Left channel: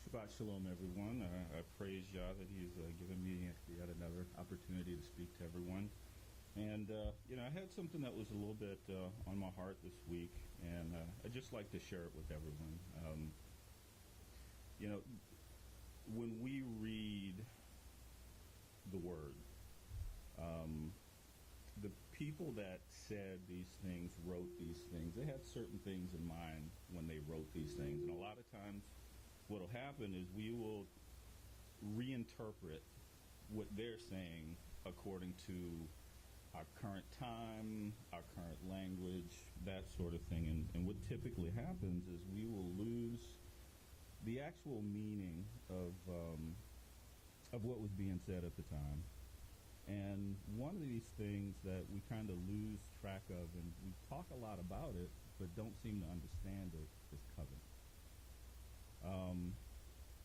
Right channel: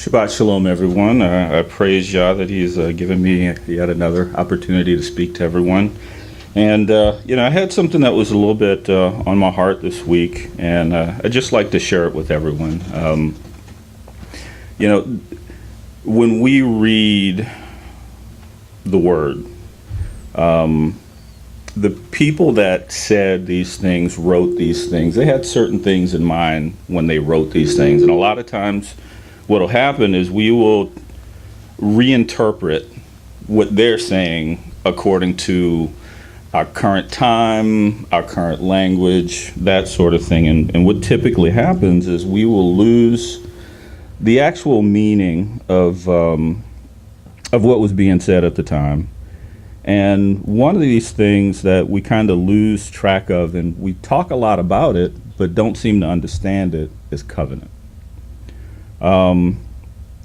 Shabbat Shalom, everyone. I praise Yah that He's given me yet another opportunity to speak to everyone. And, I had something that was a little bit on my heart this week, and I'd just like to share it with everyone. When we read the Word, the people that said these things, wrote these things, they had certain things in mind when they wrote these things. And a lot of times, what will happen is we will reinterpret what they're saying according to our current time, our current language, that sort of thing. And what typically happens is we will lose the actual meaning of what was being said at the time. And one of these things that we kind of lose track of, and we talk a lot about it, but don't seem to understand it, is covenant.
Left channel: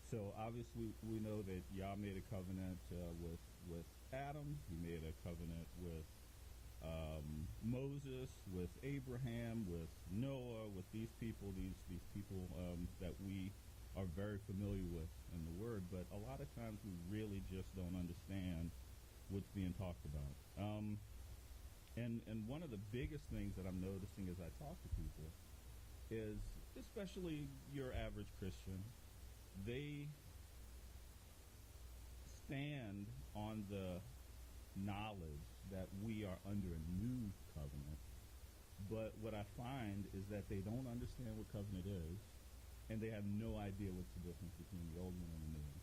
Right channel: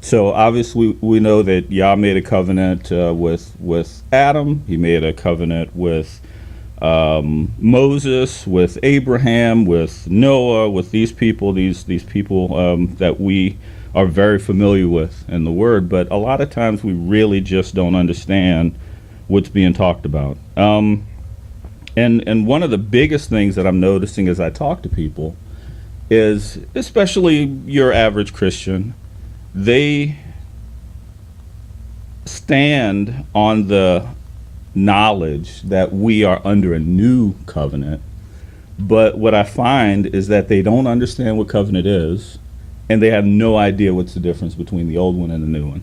So obviously we know that Yah made a covenant with Adam. He made a covenant with Moses, with Abraham, with Noah, with these people, these people that we are very familiar with in the Word. But a lot of times we really just don't understand what's being talked about. And one of the biggest things that I'm noticing as I talk to people is, especially your average Christian, they stand on the knowledge that we are under a new covenant. But what I find is that they don't understand what covenant is, and they have no idea what's the difference between the old one and the new one.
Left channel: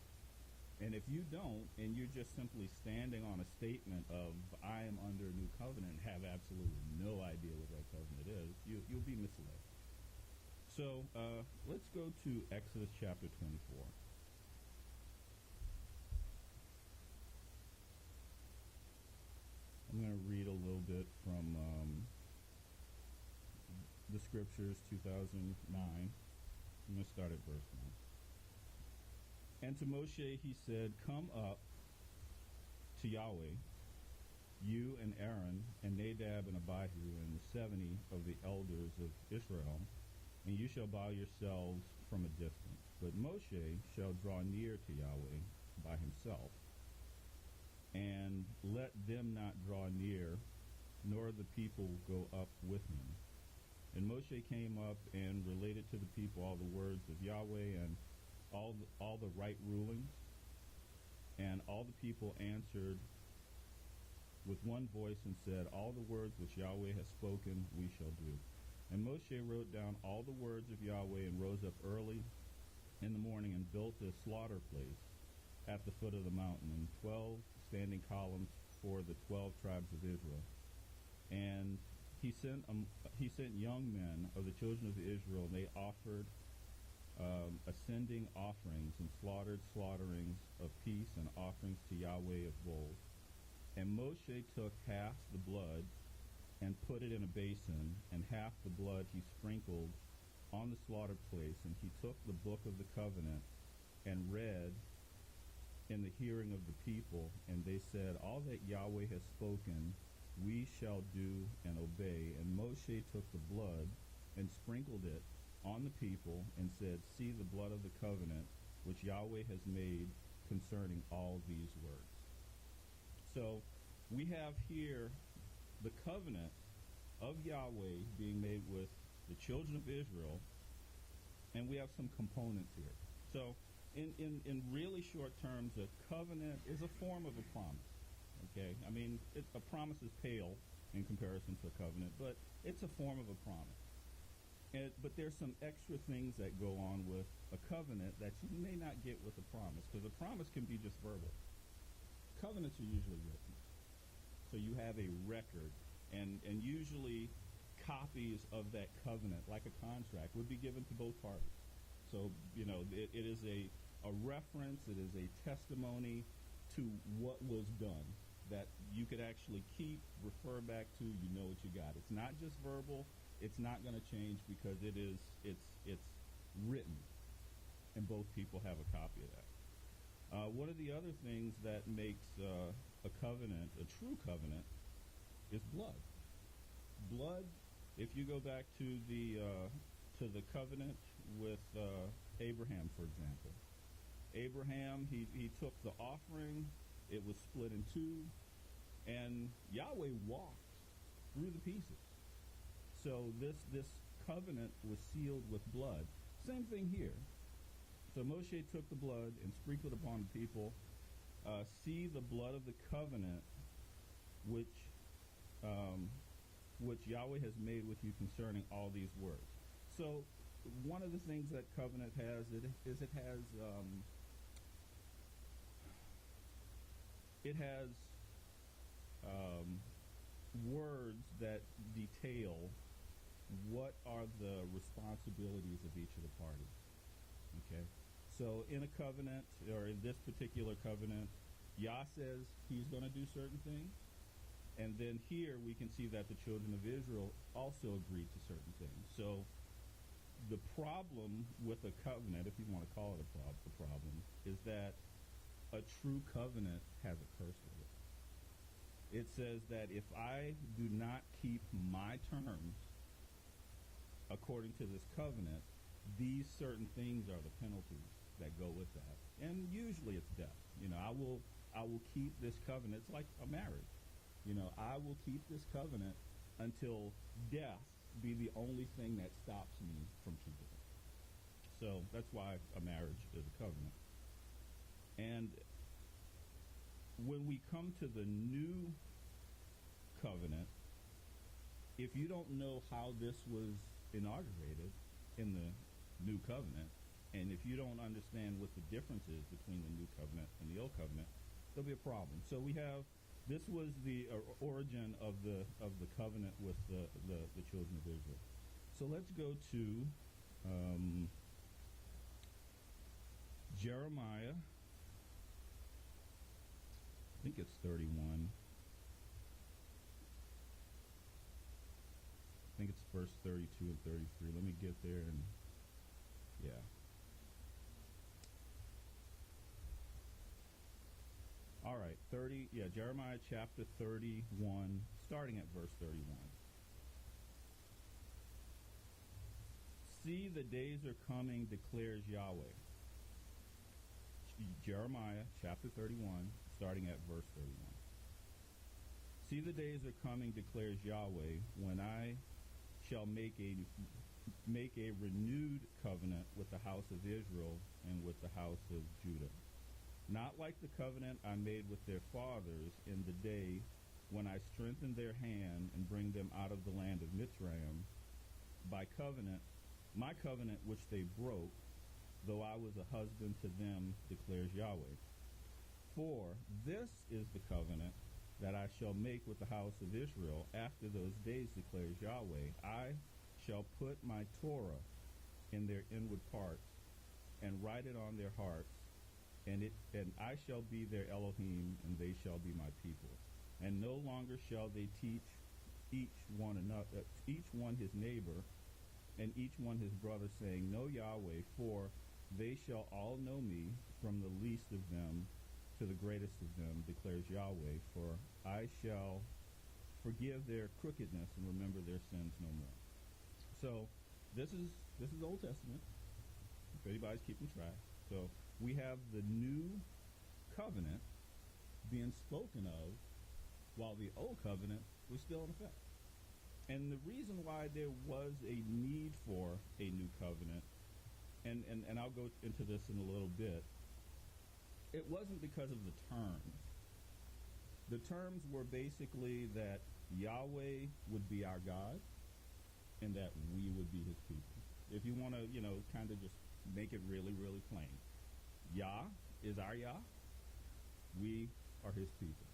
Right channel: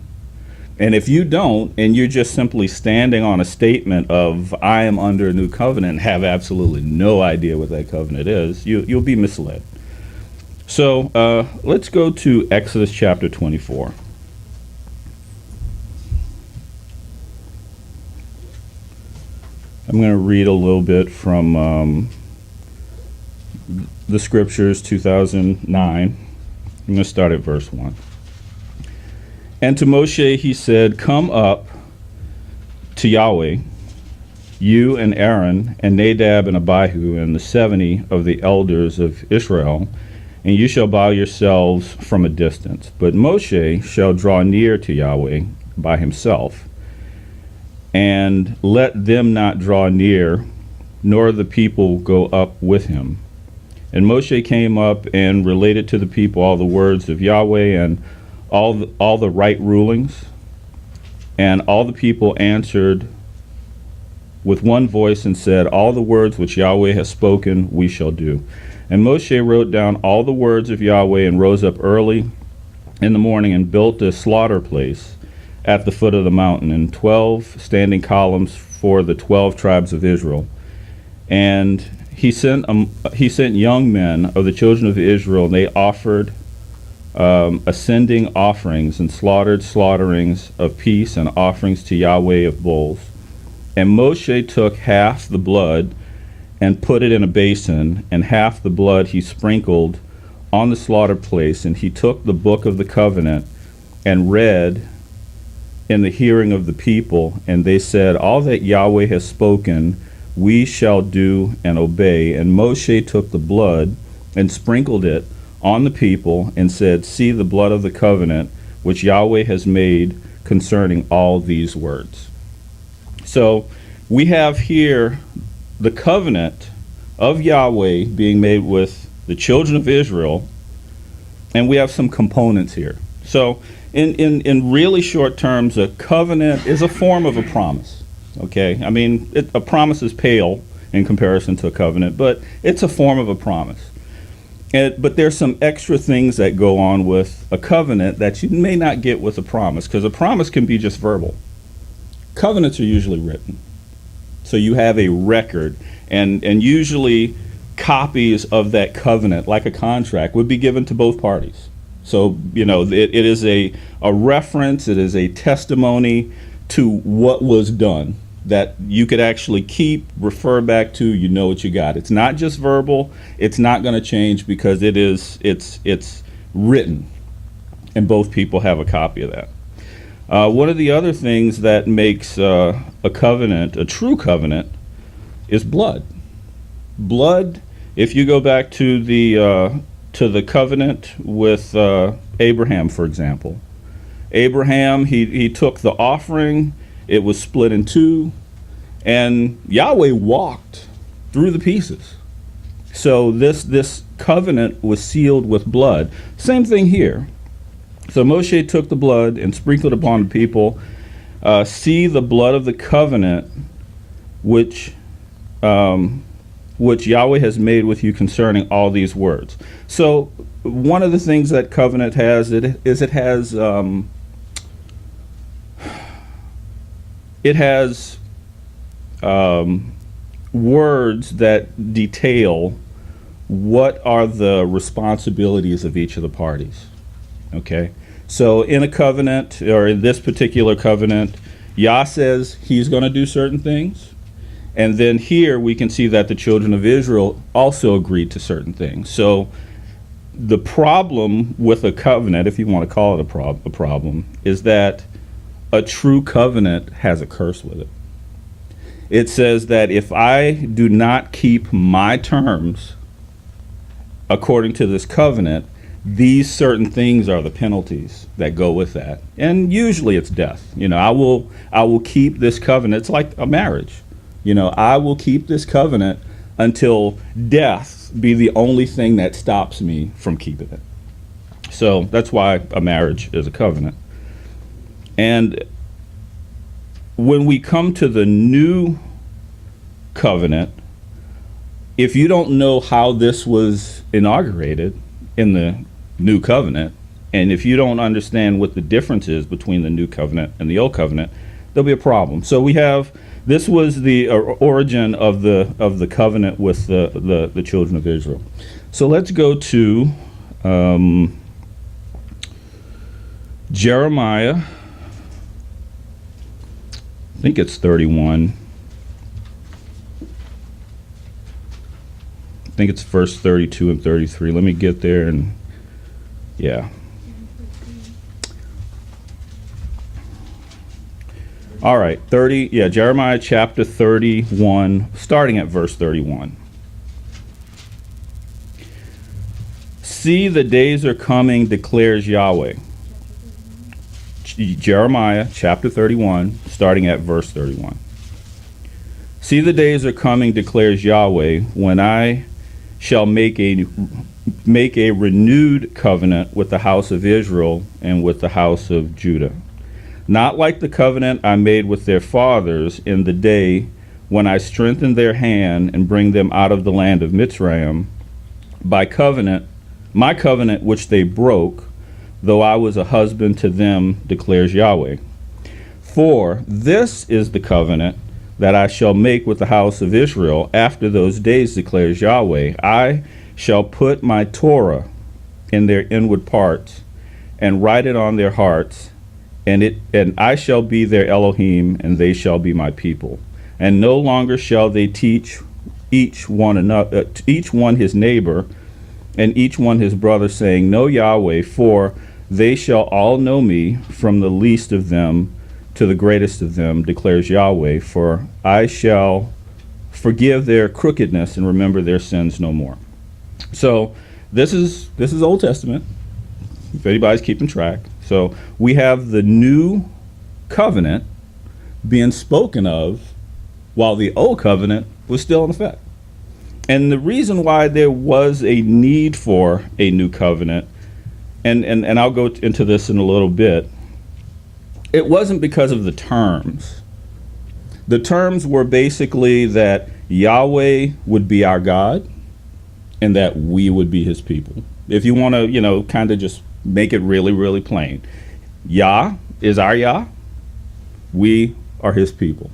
And if you don't, and you're just simply standing on a statement of, I am under a new covenant, and have absolutely no idea what that covenant is, you'll be misled. So let's go to Exodus chapter 24. I'm going to read a little bit from the scriptures, 2009. I'm going to start at verse 1. And to Moshe he said, come up to Yahweh, you and Aaron and Nadab and Abihu and the 70 of the elders of Israel, and you shall bow yourselves from a distance. But Moshe shall draw near to Yahweh by himself, and let them not draw near, nor the people go up with him. And Moshe came up and related to the people all the words of Yahweh and all the right rulings. And all the people answered with one voice and said, all the words which Yahweh has spoken we shall do. And Moshe wrote down all the words of Yahweh and rose up early in the morning and built a slaughter place at the foot of the mountain, and 12 standing columns for the 12 tribes of Israel. And he sent young men of the children of Israel, and they offered ascending offerings and slaughtered slaughterings of peace and offerings to Yahweh of bulls. And Moshe took half the blood and put it in a basin, and half the blood he sprinkled on the slaughter place. And he took the book of the covenant and read in the hearing of the people, and they said, all that Yahweh has spoken we shall do and obey. And Moshe took the blood and sprinkled it on the people and said, see the blood of the covenant which Yahweh has made concerning all these words. So we have here the covenant of Yahweh being made with the children of Israel, and we have some components here. So in really short terms, a covenant is a form of a promise. Okay, I mean, a promise is pale in comparison to a covenant, but it's a form of a promise. But there's some extra things that go on with a covenant that you may not get with a promise, because a promise can be just verbal. Covenants are usually written. So you have a record, and usually copies of that covenant, like a contract, would be given to both parties. So, it is a reference, it is a testimony to what was done that you could actually keep, refer back to, what you got. It's not just verbal, it's not going to change because it's written, and both people have a copy of that. One of the other things that makes a covenant, a true covenant, is blood. Blood, if you go back to the covenant with Abraham, for example, Abraham, he took the offering, it was split in two, and Yahweh walked through the pieces. So this covenant was sealed with blood. Same thing here. So Moshe took the blood and sprinkled upon the people. See the blood of the covenant which Yahweh has made with you concerning all these words. So one of the things that covenant has it has words that detail what are the responsibilities of each of the parties. Okay, so in a covenant, or in this particular covenant, Yah says he's going to do certain things. And then here we can see that the children of Israel also agreed to certain things. So the problem with a covenant, if you want to call it a problem, is that a true covenant has a curse with it. It says that if I do not keep my terms according to this covenant, these certain things are the penalties that go with that. And usually it's death. I will keep this covenant. It's like a marriage. I will keep this covenant until death be the only thing that stops me from keeping it. So that's why a marriage is a covenant. And when we come to the new covenant, if you don't know how this was inaugurated in the new covenant, and if you don't understand what the difference is between the new covenant and the old covenant, there'll be a problem. So this was the origin of the covenant with the children of Israel. So let's go to Jeremiah. I think it's 31. I think it's verse 32 and 33. Let me get there and yeah. All right, Jeremiah chapter 31, starting at verse 31. See, the days are coming, declares Yahweh. Jeremiah chapter 31, starting at verse 31. See, the days are coming, declares Yahweh, when I shall make a renewed covenant with the house of Israel and with the house of Judah. Not like the covenant I made with their fathers in the day when I strengthened their hand and bring them out of the land of Mitzrayim, by covenant, my covenant which they broke, though I was a husband to them, declares Yahweh. For this is the covenant that I shall make with the house of Israel after those days, declares Yahweh. I shall put my Torah in their inward parts and write it on their hearts, and I shall be their Elohim, and they shall be my people. And no longer shall they teach each one his neighbor, and each one his brother, saying, Know Yahweh, for they shall all know me, from the least of them to the greatest of them, declares Yahweh. For I shall forgive their crookedness and remember their sins no more. So this is Old Testament, if anybody's keeping track. So we have the new covenant being spoken of while the old covenant was still in effect. And the reason why there was a need for a new covenant, and I'll go into this in a little bit, it wasn't because of the terms. The terms were basically that Yahweh would be our God and that we would be his people. If you want to, kind of just make it really, really plain. Yah is our Yah. We are his people.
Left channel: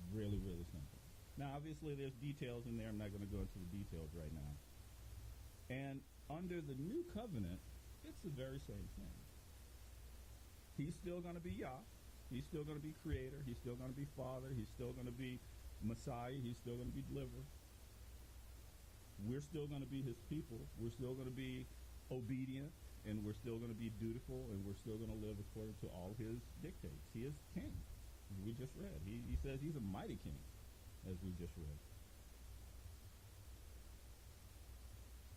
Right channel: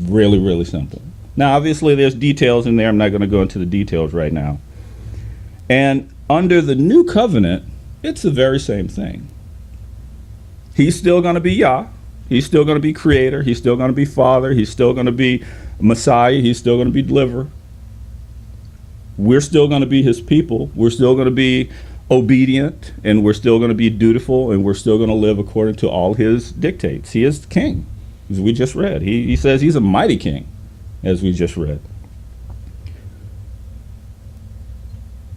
Really, really simple. Now, obviously, there's details in there. I'm not going to go into the details right now. And under the new covenant, it's the very same thing. He's still going to be Yah. He's still going to be creator. He's still going to be father. He's still going to be Messiah. He's still going to be deliverer. We're still going to be his people. We're still going to be obedient, and we're still going to be dutiful, and we're still going to live according to all his dictates. He is the king, as we just read. He says he's a mighty king, as we just read.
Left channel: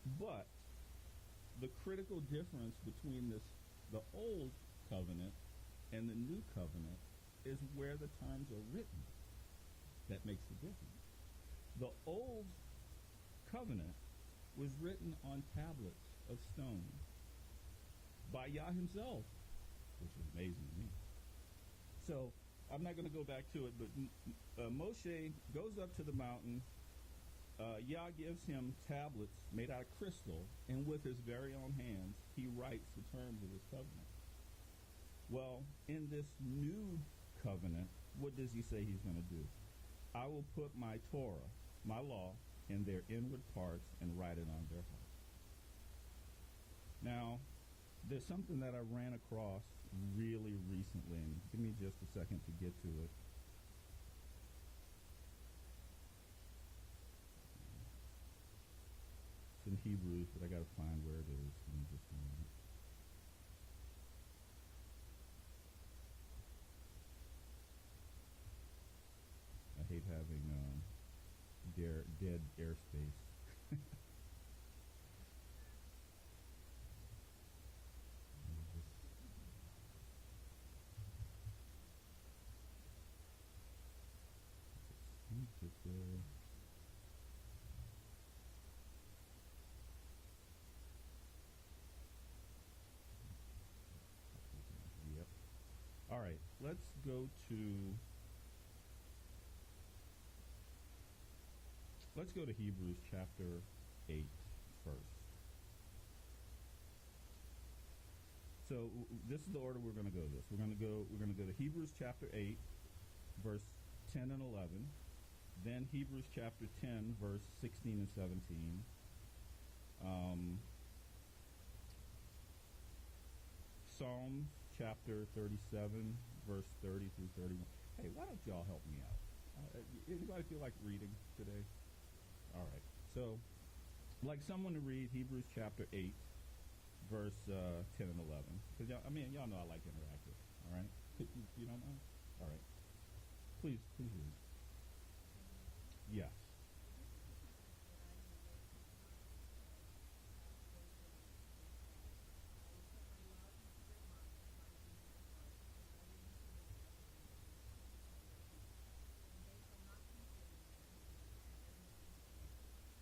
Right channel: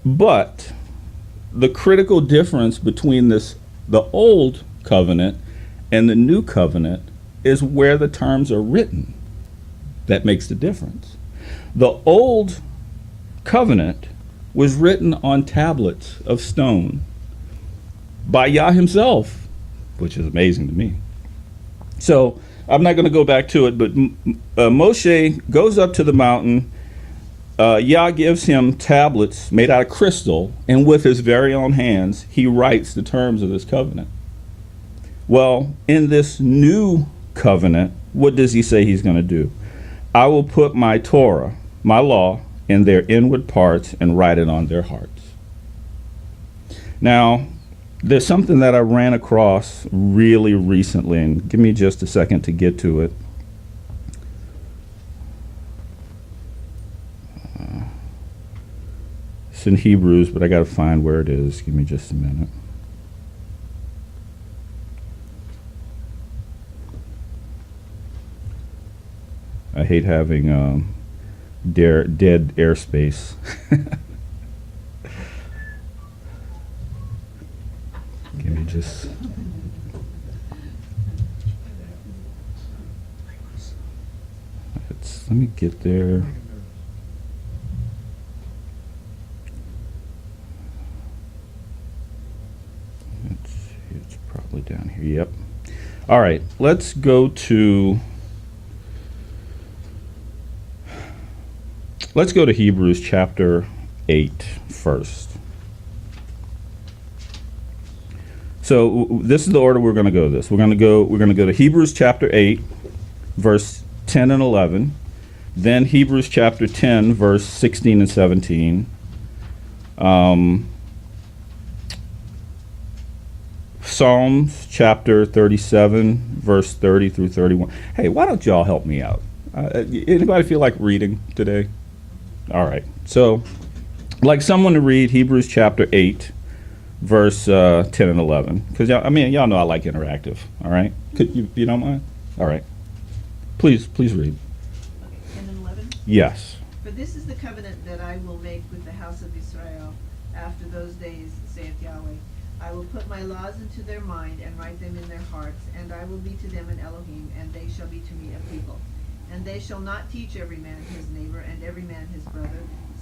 But the critical difference between the old covenant and the new covenant is where the terms are written that makes the difference. The old covenant was written on tablets of stone by Yah himself, which is amazing to me. So I'm not going to go back to it, but Moshe goes up to the mountain. Yah gives him tablets made out of crystal, and with his very own hands, he writes the terms of this covenant. Well, in this new covenant, what does he say he's going to do? I will put my Torah, my law, in their inward parts and write it on their hearts. Now, there's something that I ran across really recently, and give me just a second to get to it. It's in Hebrews, but I got to find where it is. Give me just a minute. I hate having dead airspace. Give me just. Let me get there. It's probably down here. Yep. All right. Let's go to. Let's go to Hebrews chapter 8 first. So this is the order we're going to go this. We're going to go to Hebrews chapter 8, verse 10 and 11, then Hebrews chapter 10, verse 16 and 17. Psalms chapter 37, verse 30 through 31. Hey, why don't y'all help me out? Anybody feel like reading today? All right. So, I'd like someone to read Hebrews chapter 8, verse 10 and 11. Because, y'all know I like interactive. All right? Could you don't mind? All right. Please read. 10 and 11? Yes. For this is the covenant that I will make with the house of Israel after those days, saith Yahweh. I will put my laws into their mind and write them in their hearts, and I will be to them an Elohim, and they shall be to me a people. And they shall not teach every man his neighbor and every man his brother,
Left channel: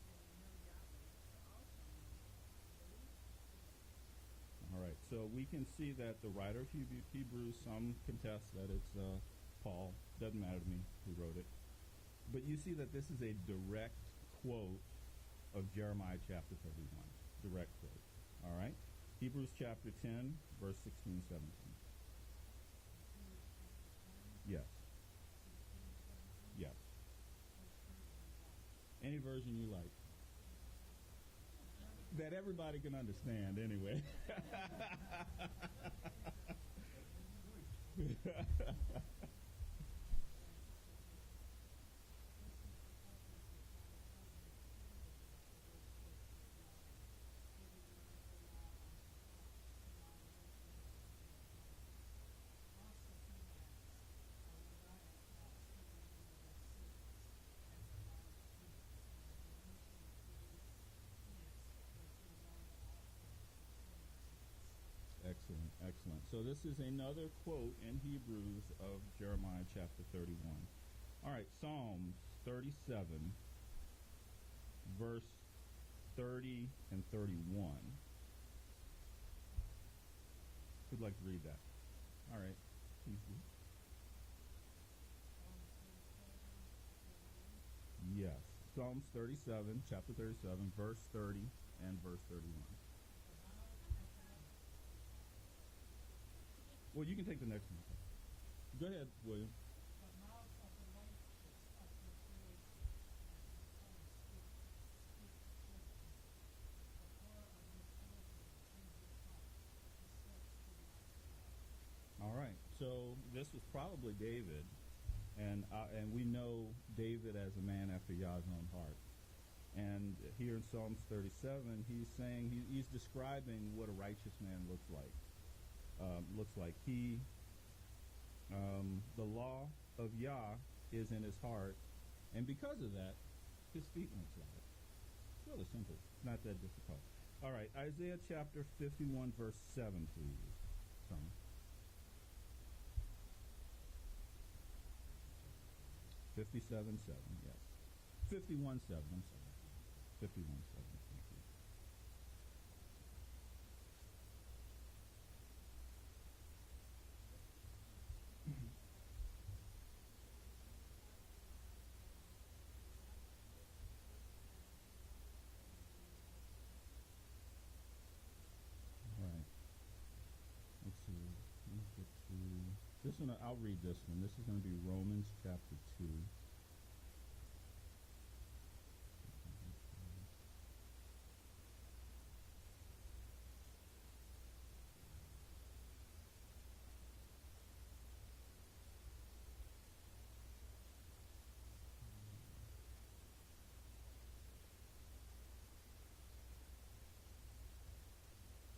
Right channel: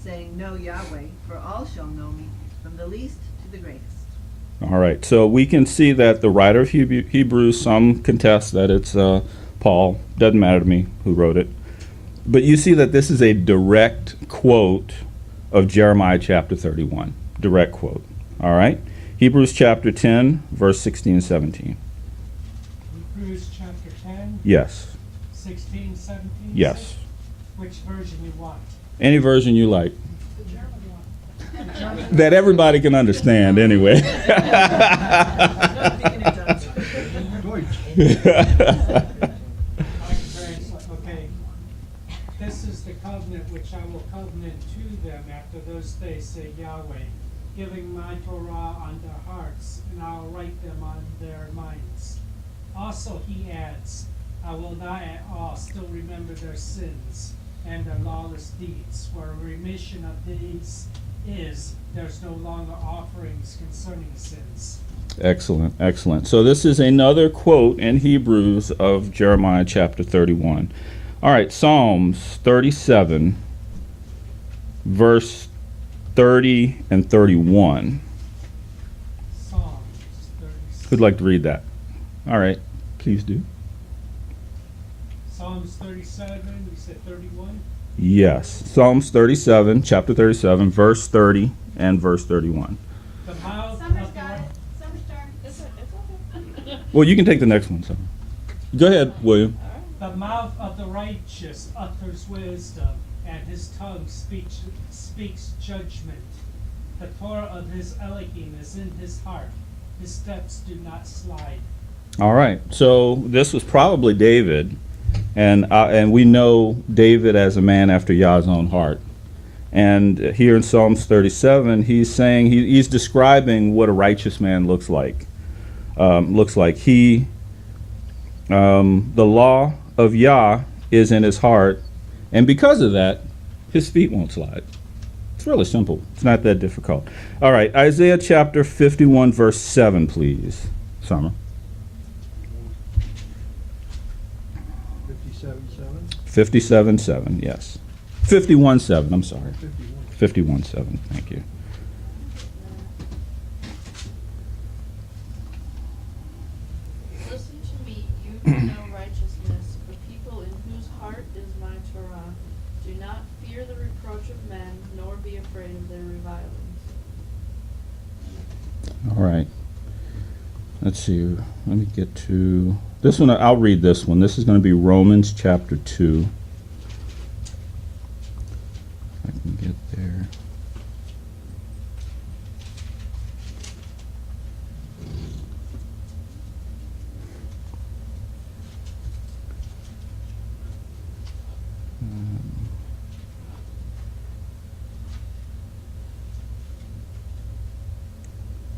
saying, Know Yahweh, for all shall know me, from the least to the greatest. All right. So we can see that the writer of Hebrews, some contest that it's Paul. Doesn't matter to me who wrote it. But you see that this is a direct quote of Jeremiah chapter 31. Direct quote. All right. Hebrews chapter 10, verse 16 and 17. Hebrews chapter 10? Yes. 16, 17? Yes. Which version you want? Any version you like. The German one. That everybody can understand anyway. Okay. This is the covenant which I will covenant to them after those days, say Yahweh, giving my Torah on their hearts, and I will write them on their minds. Also he adds, I will not at all still remember their sins and their lawless deeds, for a remission of these is, there's no longer offerings concerning sins. Excellent, excellent. So this is another quote in Hebrews of Jeremiah chapter 31. All right, Psalms 37, verse 30 and 31. Psalms 37. Who'd like to read that? All right, please do. Psalms 37, you said 31? Yes, Psalms 37, chapter 37, verse 30 and verse 31. The mouth Summer's of the got it. Summer's starting. It's okay. Well, you can take the next one, sir. Go ahead, William. The mouth of the righteous utters wisdom, and his tongue speaks judgment. The Torah of his Elohim is in his heart. His steps do not slide. All right, so this was probably David, and we know David as a man after Yah's own heart. And here in Psalms 37, he's saying, he's describing what a righteous man looks like. The law of Yah is in his heart, and because of that, his feet won't slide. It's really simple. It's not that difficult. All right, Isaiah chapter 51, verse 7, please, Summer. 57:7? 57:7, yes. 51:7, I'm sorry. 51. 51:7, thank you. Listen to me, you who know righteousness, the people in whose heart is my Torah. Do not fear the reproach of men, nor be afraid of their revilings. All right. Let's see. Let me get to this one. I'll read this one. This is going to be Romans chapter 2. If I can get there.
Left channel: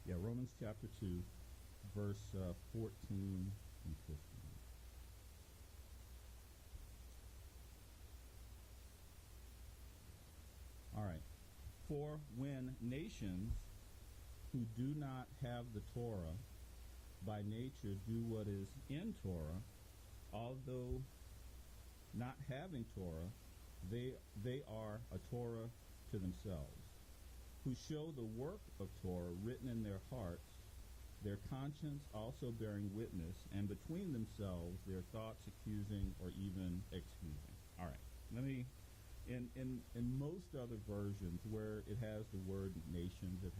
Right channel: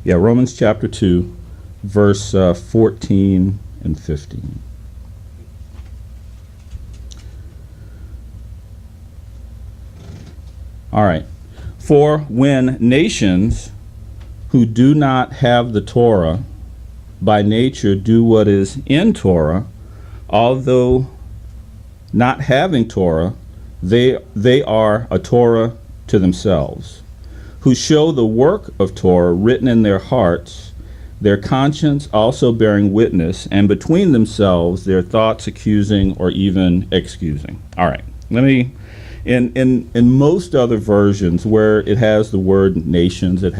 Yeah, Romans chapter 2, verse 14 and 15. All right. For when nations who do not have the Torah by nature do what is in Torah, although not having Torah, they are a Torah to themselves, who show the work of Torah written in their hearts, their conscience also bearing witness, and between themselves their thoughts accusing or even excusing. All right, let me, in most other versions where it has the word nations, it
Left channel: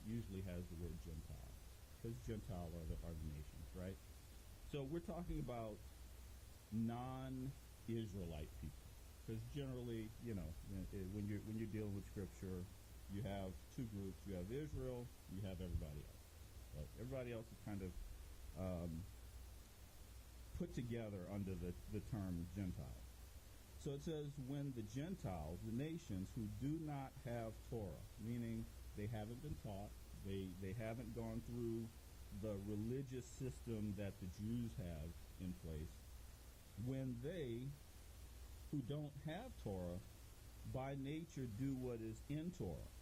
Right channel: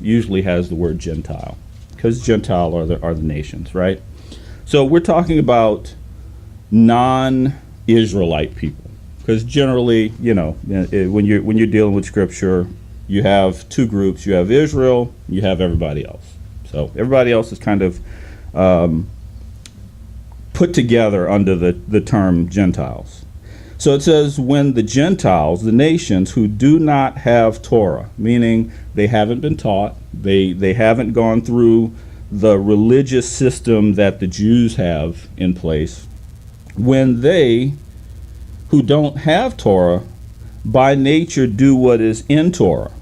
usually has the word Gentile, because Gentile are the nations, right? So we're talking about non-Israelite people, because generally, you know, when you're dealing with Scripture, you have two groups. You have Israel, you have everybody else. So everybody else is kind of put together under the term Gentiles. So it says, when the Gentiles, the nations who do not have Torah, meaning they haven't been taught, they haven't gone through the religious system that the Jews have in place, when they who don't have Torah by nature do what is in Torah,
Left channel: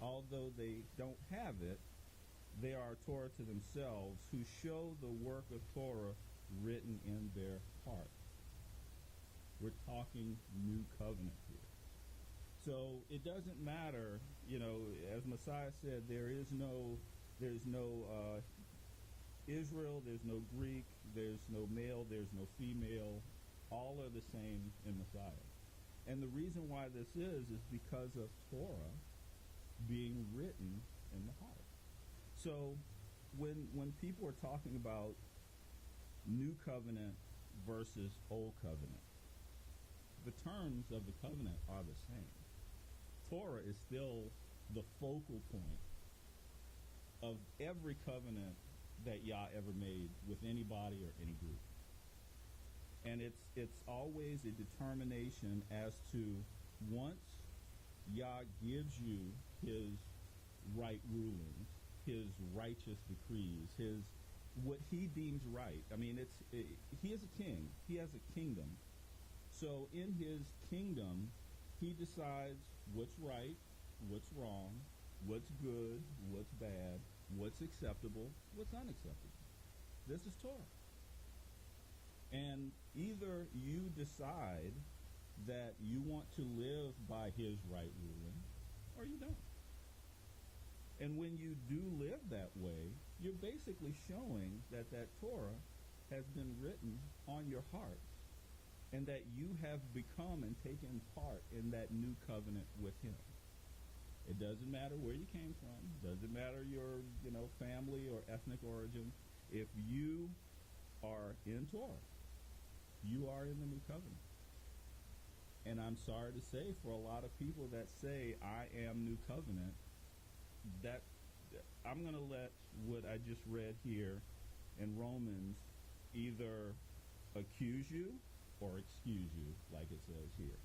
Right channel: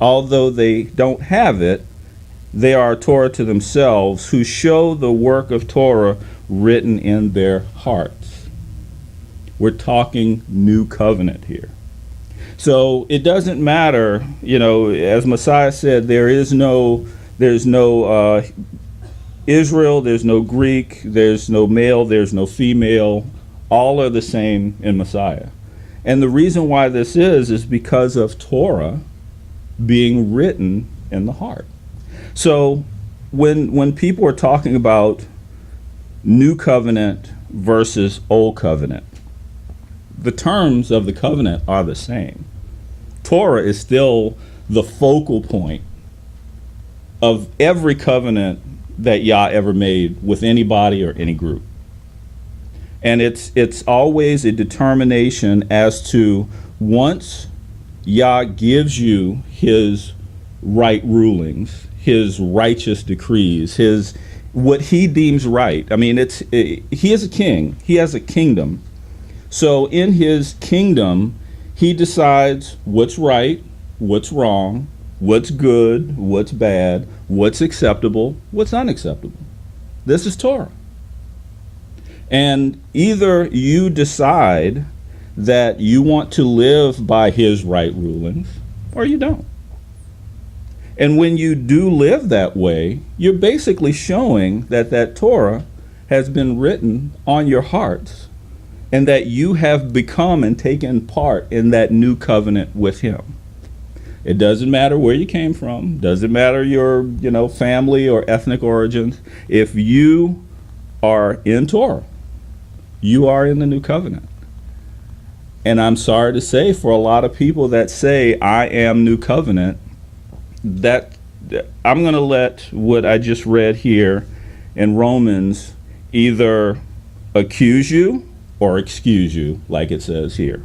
although they don't have it, they are a Torah to themselves, who show the work of Torah written in their hearts. We're talking new covenant here. So it doesn't matter, you know, as Messiah said, there's no Israel, there's no Greek, there's no male, there's no female. All are the same in Messiah. And the reason why this is because of Torah being written in the heart. So when people are talking about new covenant versus old covenant, the terms of the covenant are the same. Torah is still the focal point of every covenant that Yah ever made with anybody or any group. And it's always a determination as to, once Yah gives you his right rulings, his righteous decrees, his what he deems right. I mean, he is a king. He has a kingdom. So in his kingdom, he decides what's right, what's wrong, what's good, what's bad, what's acceptable, what's unacceptable. This is Torah. And either you decide that you want to live by his right rulings, or you don't. And when you do live that way, you're basically showing that Torah has been written on your hearts, and that you have become and taken part in that new covenant with him. It doesn't matter where you came from, doesn't matter your, family or ethnic origins. If you are in Torah, you are in the new covenant. And I'm sorry to say, for a lot of people that say, I am new covenant, that I'm going to let what I just read here in Romans either accuse you or excuse you, like it says here.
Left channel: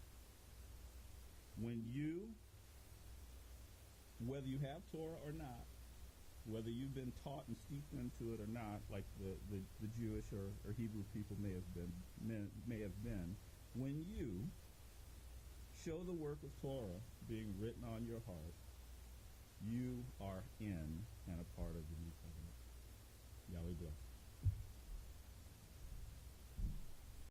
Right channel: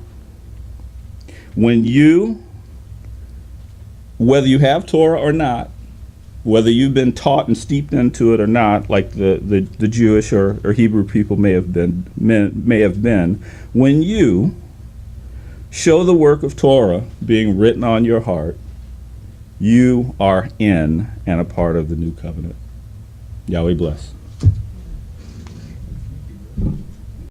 When you, whether you have Torah or not, whether you've been taught and steeped into it or not, like the Jewish or Hebrew people may have been, when you show the work of Torah being written on your heart, you are in and a part of the new covenant. Yahweh bless.